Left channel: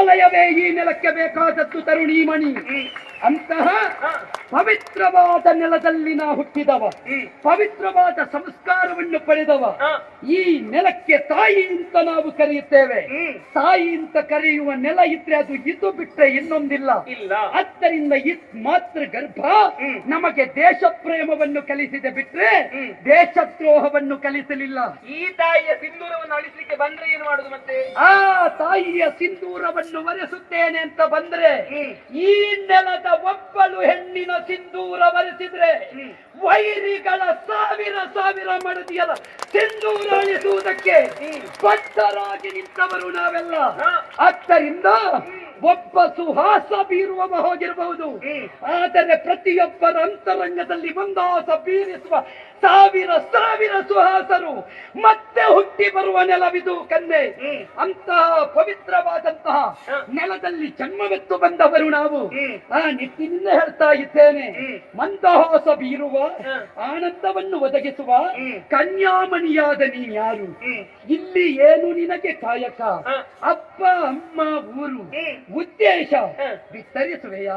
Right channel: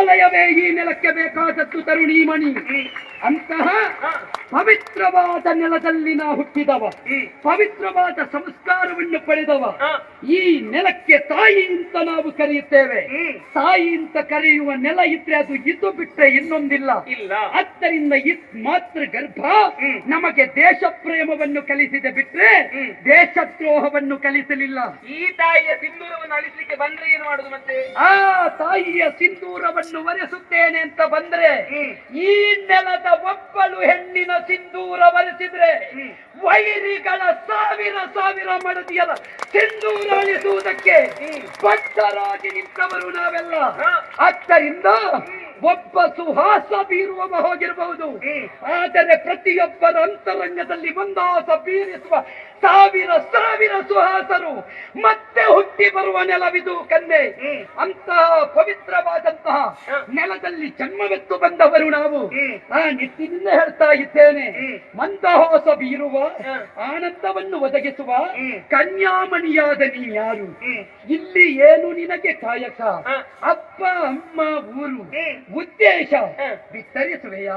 ಹಿಮಾಲಯವೇ ಈ ನೆಲಕ್ಕೆ ಬೇಕಾದದ್ದು ತರುಣೀಮಣಿ. ಅಂತಹ ಪವಿತ್ರವಾದ ನೆಲದಲ್ಲಿ ನಾ ಹುಟ್ಟಿದವ, ಪವಿತ್ರವಾದ ಸಂಸ್ಕಾರವನ್ನು ಪಡೆದವ. ಈ ನೆಲಕ್ಕೆ ತಾಯಿ ಅಂತ ನಾವು ಕರೆಯುತ್ತೇವೆ. ತಾಯಿ ಅಂತ ಕರೆಯುವ ನೆಲ ಇದ್ರೆ ಅದು ಇದು ಬಿಟ್ಟರೆ ಇನ್ನೊಂದಿಲ್ಲ. ಆದ್ದರಿಂದ ಮಾತೃ ಗರ್ಭ ನಮಗೆ ದೇಶ ಪ್ರೇಮವನ್ನು ಕಲಿಸಿದೆ ಬಿಟ್ರೆ ದೇಶದ್ರೋಹವನ್ನು ಕಲಿಸಲಿಲ್ಲ. ಈ ತಾಯಿಯ ಸಿಂಧೂರವನ್ನು ಅಳಿಸಲಿಕ್ಕೆ ಬಂದ್ರೆ ಏನು ಮಾಡುದು ಮತ್ತೆ? ಆ ತಾಯಿಯ ಸಿಂಧೂರವನ್ನು ಒರೆಸುತ್ತೇನೆ ಅಂತ ಬಂದ್ರೆ ಈ ನೆಲದ ಒಬ್ಬಳು ಹೆಣ್ಣಿನ ಸಿಂಧೂರ ಒರೆಸಿದ್ರೆ ವೈರಿಗಳ ಸಾವಿರ ಸಾವಿರ ಮಡದಿಯರ ಸಿಂಧೂರ ಅಳಿಸುವುದಕ್ಕೆ ಬದ್ಧರಾಗಿ ನಿಂತವರು ನಾವೆಲ್ಲ. ಆದ್ದರಿಂದ ಒಬ್ಬ ಸುಹಾಸ ಬೀರುವವ ಹೋಗಿರಬಹುದು, ಆದರೆ ಪ್ರತಿಯೊಬ್ಬರ ಅಂತರಂಗದಲ್ಲಿ ಒಂದಾಸ ಬೀರಿಸುವ ಸಾವಿರ ಸಾವಿರ ಸುಹಾಸರು ಮತ್ತೆ ಹುಟ್ಟಿ ಬರುವ ನೆಲವಿದು ಕನ್ನೆ. ಅಂತಹ ಪವಿತ್ರವಾದಂತಹ ನೆಲದಲ್ಲಿ ಜನ್ಮವೆತ್ತು ಬಂದವರು ನಾವು. ಆ ನಿಟ್ಟಿನಿಂದ ಹೇಳ್ತಾ ಇದ್ದೇನೆ, ಮಂದಹಾಸ ಬೀರುವ ಆನಂದವನ್ನು ಒದಗಿಸುವ ಕನ್ಯಾಮಣಿಯಾದ ನೀ ಯಾರು? ಇಲ್ಲಿ ಏನು ನಿನಗೆ ಕಾಯಕ? ಅಪ್ಪ ಅಮ್ಮ ಊರು ಉದ್ದೇಶ ಬಿತ್ತರಿಸುವೆಯಾ?